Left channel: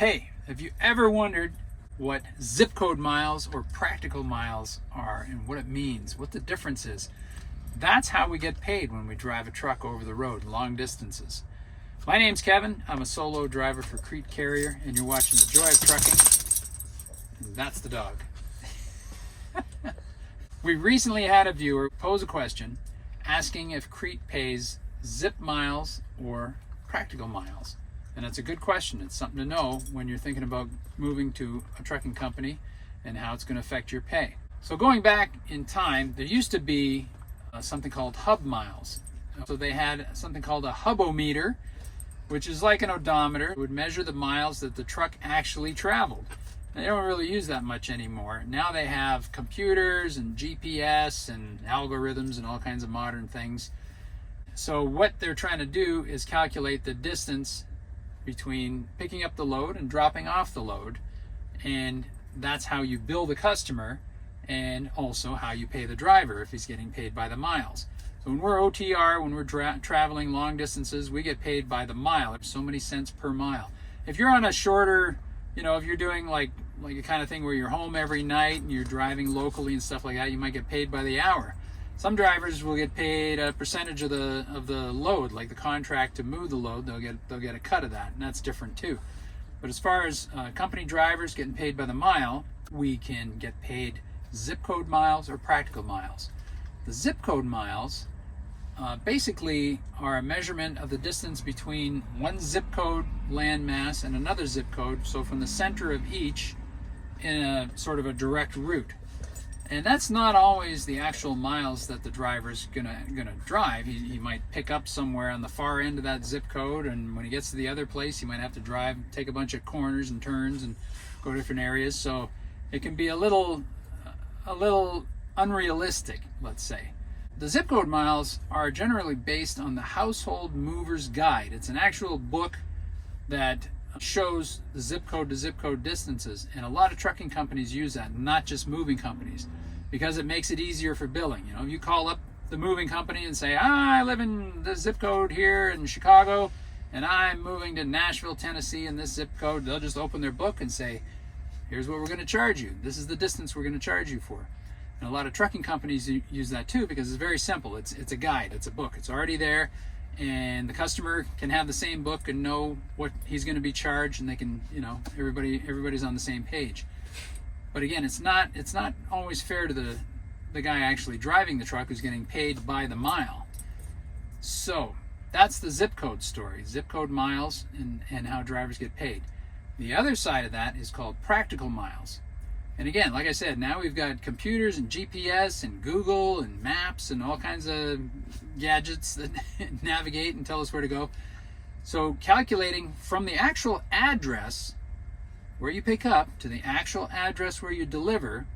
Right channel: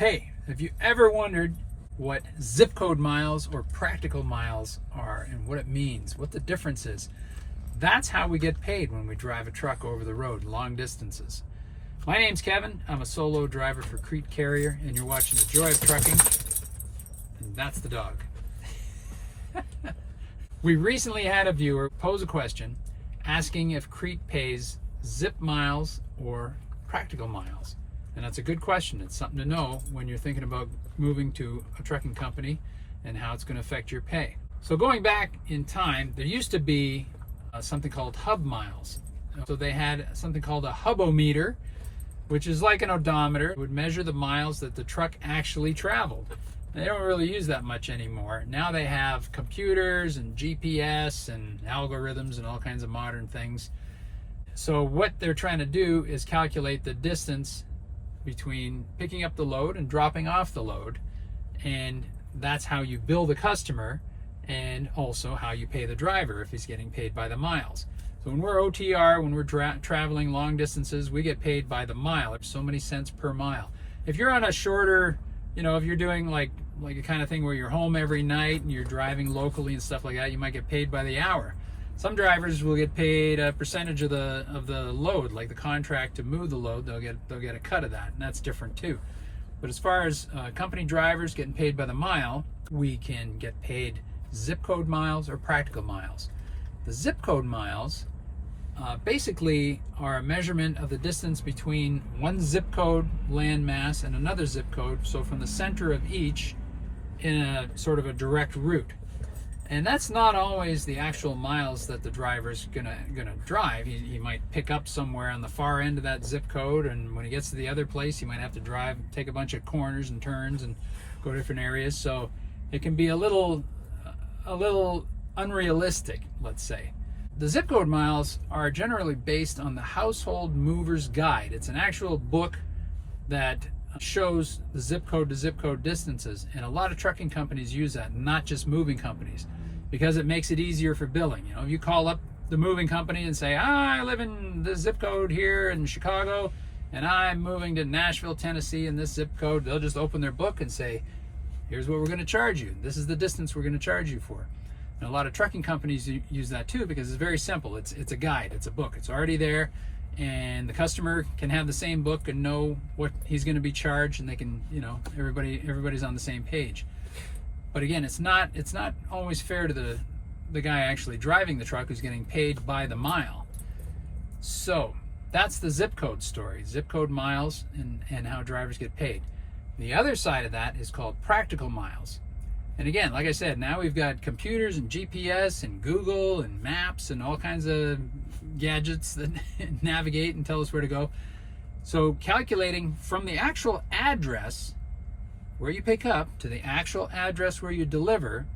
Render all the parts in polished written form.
Hey, have you ever wondered what zip code miles or practical miles are and what it means, what the difference is? That's how we get paid when we drive a truck over the road, long distances. My name's Kevin. I'm a solo driver for Crete Carrier, and you're watching The Joy of Trucking, and that's the dog. We recently had a viewer pose a question asking if Crete pays zip miles or practical miles. And that's a good question. It's something to know when you're thinking about moving to a trucking company and how it's going to affect your pay. So going back in time, there used to be something called hub miles. So they had something called a hubometer, which is like an odometer. It would measure the miles that the truck actually traveled. They don't really use that much anymore. Now they have computers and GPS and algorithms and all kinds of modern things. So what they're trying to do is calculate the distance between picking up the load and dropping off the load, and that's how you bill the customer and also how you pay the driver if he's getting paid by the miles. So when we're OTR, when we're traveling long distances, we get paid by the mile. It's so many cents per mile. If you're on a shorter, if you're doing like a kind of thing where you're home every night and you're driving locally and stuff like that, you might get paid by the hour. Some drivers will get paid a percentage of the load, like the contract to move the load. They'll get a cut of that, and that's different too. But as far as company drivers getting paid by the mile, we can get paid zip code miles or practical miles. The zip code miles basically are a measurement of the distance between one zip code landmass and another zip code. So from the center of each in a sort of a direct route. And that's not always the actual miles that the driver's gonna drive. He might pick up somewhere on the far end of that zip code, and when he gets to the other place, he might have to take a bunch of corners and turns and go to different areas. So it can be a little unrealistic, let's say. The zip code miles are generally based on the Household Mover's Guide. It's an actual book that shows the zip code to zip code distances, and a lot of trucking companies use that, not just moving companies, because it makes it easier for billing. If you call up the moving company and say, I live in the zip code here in Chicago and I'm moving to Nashville, Tennessee in this zip code, they'll just open their book and say, here's what we're going to charge you. This is the distance we're going to charge you for. And a lot of trucking companies use that too, because it's very simple. It's a guide, it's a book, it's already there, and the customer can have the same book and know what he's going to be charged, and they can, everybody's on the same page. But again, it's not always fair to the guy actually driving the truck who's getting paid by the mile. So that's the zip code story, zip code miles and how drivers get paid. The other side of that is called practical miles. And again, like I said, now we've got computers and GPS and Google and maps and all kinds of gadgets that navigate and tell us where to go. So calculating from the actual address where you pick up to the actual address where you deliver,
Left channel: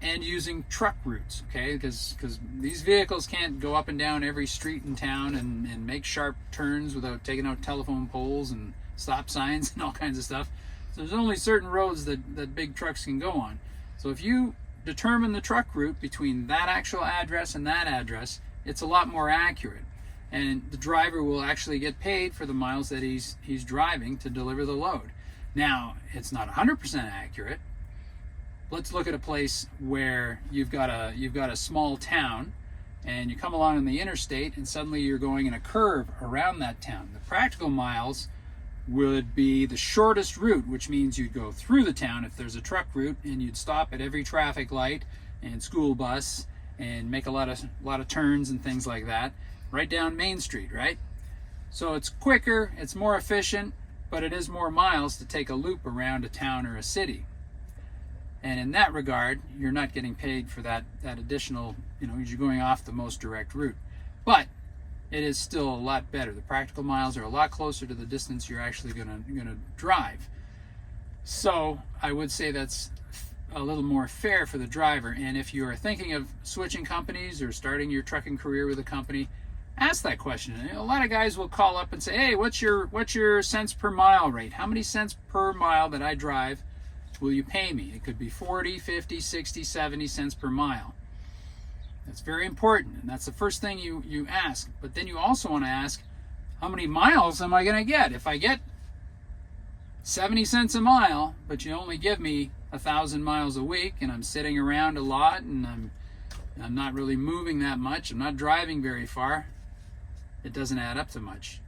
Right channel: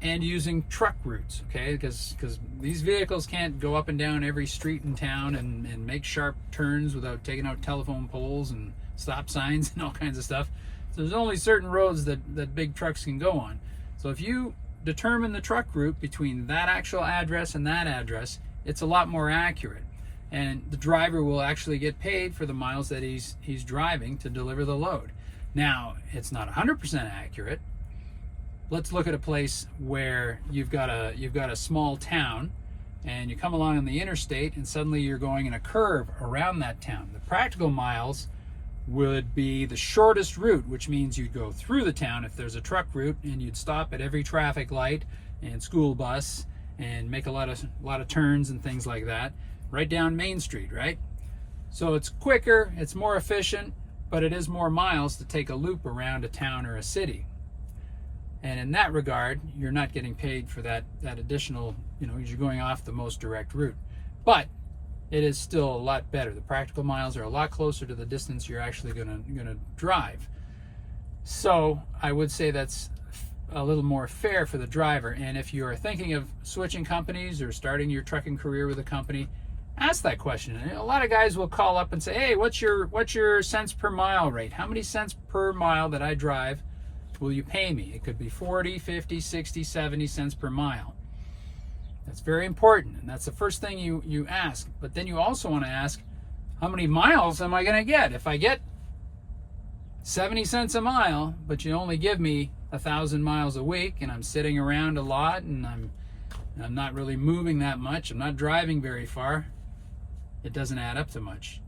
and using truck routes, okay? Because these vehicles can't go up and down every street in town and make sharp turns without taking out telephone poles and stop signs and all kinds of stuff. So there's only certain roads that big trucks can go on. So if you determine the truck route between that actual address and that address, it's a lot more accurate. And the driver will actually get paid for the miles that he's driving to deliver the load. Now, it's not 100% accurate. Let's look at a place where you've got a small town, and you come along on the interstate, and suddenly you're going in a curve around that town. The practical miles would be the shortest route, which means you'd go through the town if there's a truck route, and you'd stop at every traffic light and school bus and make a lot of turns and things like that, right down Main Street, right? So it's quicker, it's more efficient, but it is more miles to take a loop around a town or a city. And in that regard, you're not getting paid for that additional, you're going off the most direct route. But it is still a lot better. The practical miles are a lot closer to the distance you're actually gonna drive. So I would say that's a little more fair for the driver. And if you are thinking of switching companies or starting your trucking career with a company, ask that question. A lot of guys will call up and say, hey, what's your cents per mile rate? How many cents per mile that I drive will you pay me? It could be 40, 50, 60, 70 cents per mile. That's very important, and that's the first thing you ask. But then you also want to ask, how many miles am I going to get? If I get 70 cents a mile, but you only give me 1,000 miles a week, and I'm sitting around a lot, and I'm not really moving that much, I'm not driving very far, it doesn't add up to much.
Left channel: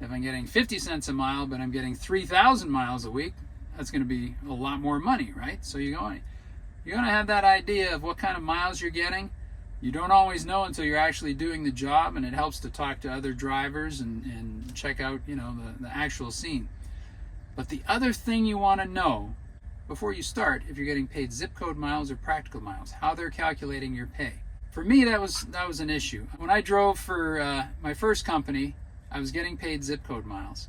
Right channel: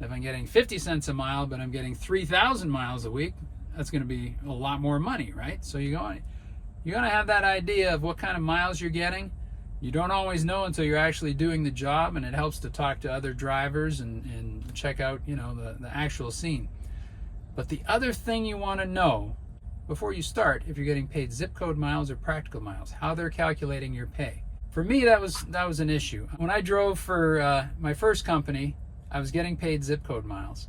If I'm getting 50 cents a mile, but I'm getting 3,000 miles a week, that's going to be a lot more money, right? So you're going to have that idea of what kind of miles you're getting. You don't always know until you're actually doing the job, and it helps to talk to other drivers and check out, you know, the actual scene. But the other thing you want to know before you start, if you're getting paid zip code miles or practical miles, how they're calculating your pay. For me, that was an issue. When I drove for my first company, I was getting paid zip code miles,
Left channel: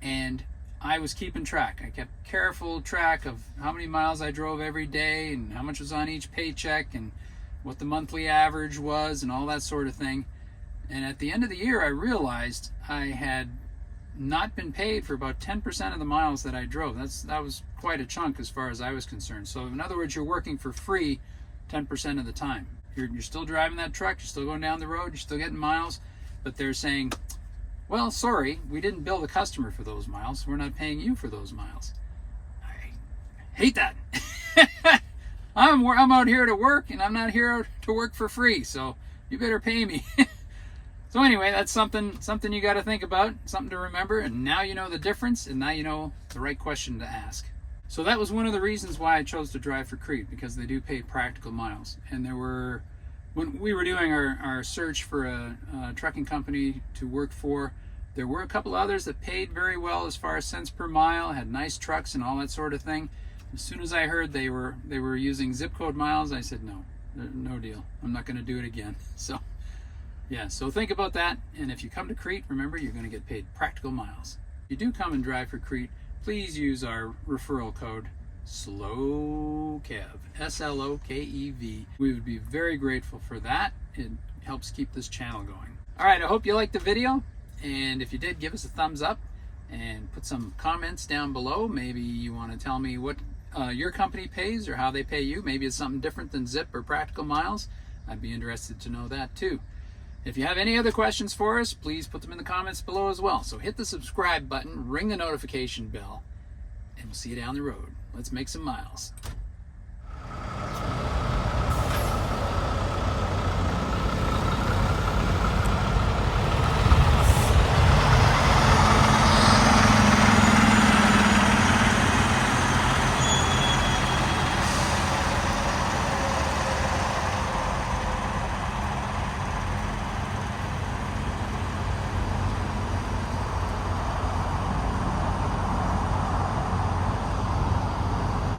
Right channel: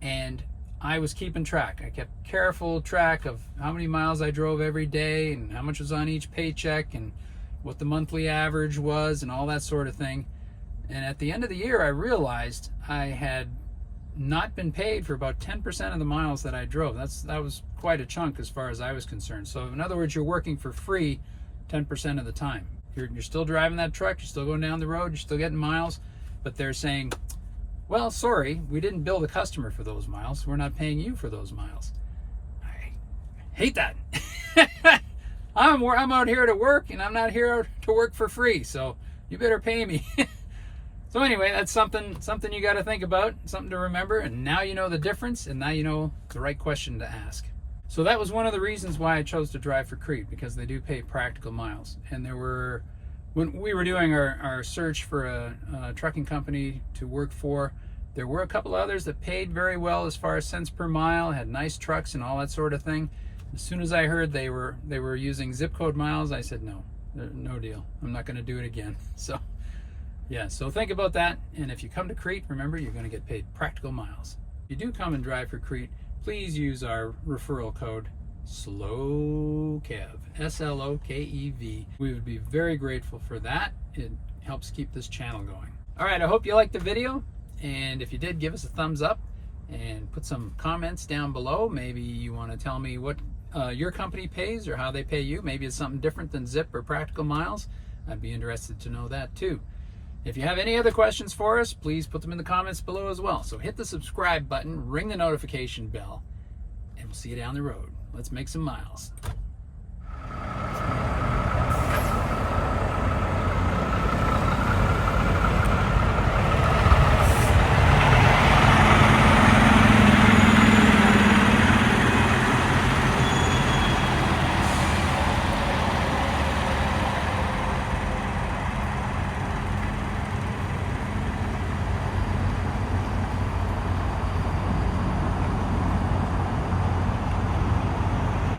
and I was keeping track. I kept careful track of how many miles I drove every day and how much was on each paycheck and what the monthly average was and all that sort of thing. And at the end of the year, I realized I had not been paid for about 10% of the miles that I drove. That was quite a chunk as far as I was concerned. So in other words, you're working for free 10% of the time. You're still driving that truck, you're still going down the road, you're still getting miles, but they're saying, well, sorry, we didn't bill the customer for those miles. We're not paying you for those miles. I hate that. I'm out here to work, and I'm not here to work for free, so you better pay me. So anyway, that's something you got to think about, something to remember, and now you know the difference, and now you know the right question to ask. So that was one of the reasons why I chose to drive for Crete, because they do pay practical miles. And when we were doing our search for a trucking company to work for, there were a couple others that paid very well as far as cents per mile, had nice trucks and all that sort of thing. As soon as I heard they were using zip code miles, I said no deal. I'm not going to do it again. So yeah, so think about that. And if you come to Crete, remember you're going to get paid practical miles. If you do come and drive for Crete, please use our referral code SLOKEV, SLOKEV. We would be very grateful for that. It helps keep this channel going. All right, I hope you liked the video, and if you did, give us a thumbs up and put some comments down below. Maybe you want to tell me what your company pays or how they pay you. Maybe it's something different than zip or practical miles. I'd be interested to know that too. If you have any other questions for us, please put them in the comments below as well. So hit the subscribe button, ring the notification bell, and we'll see you down the road. Let's make some miles.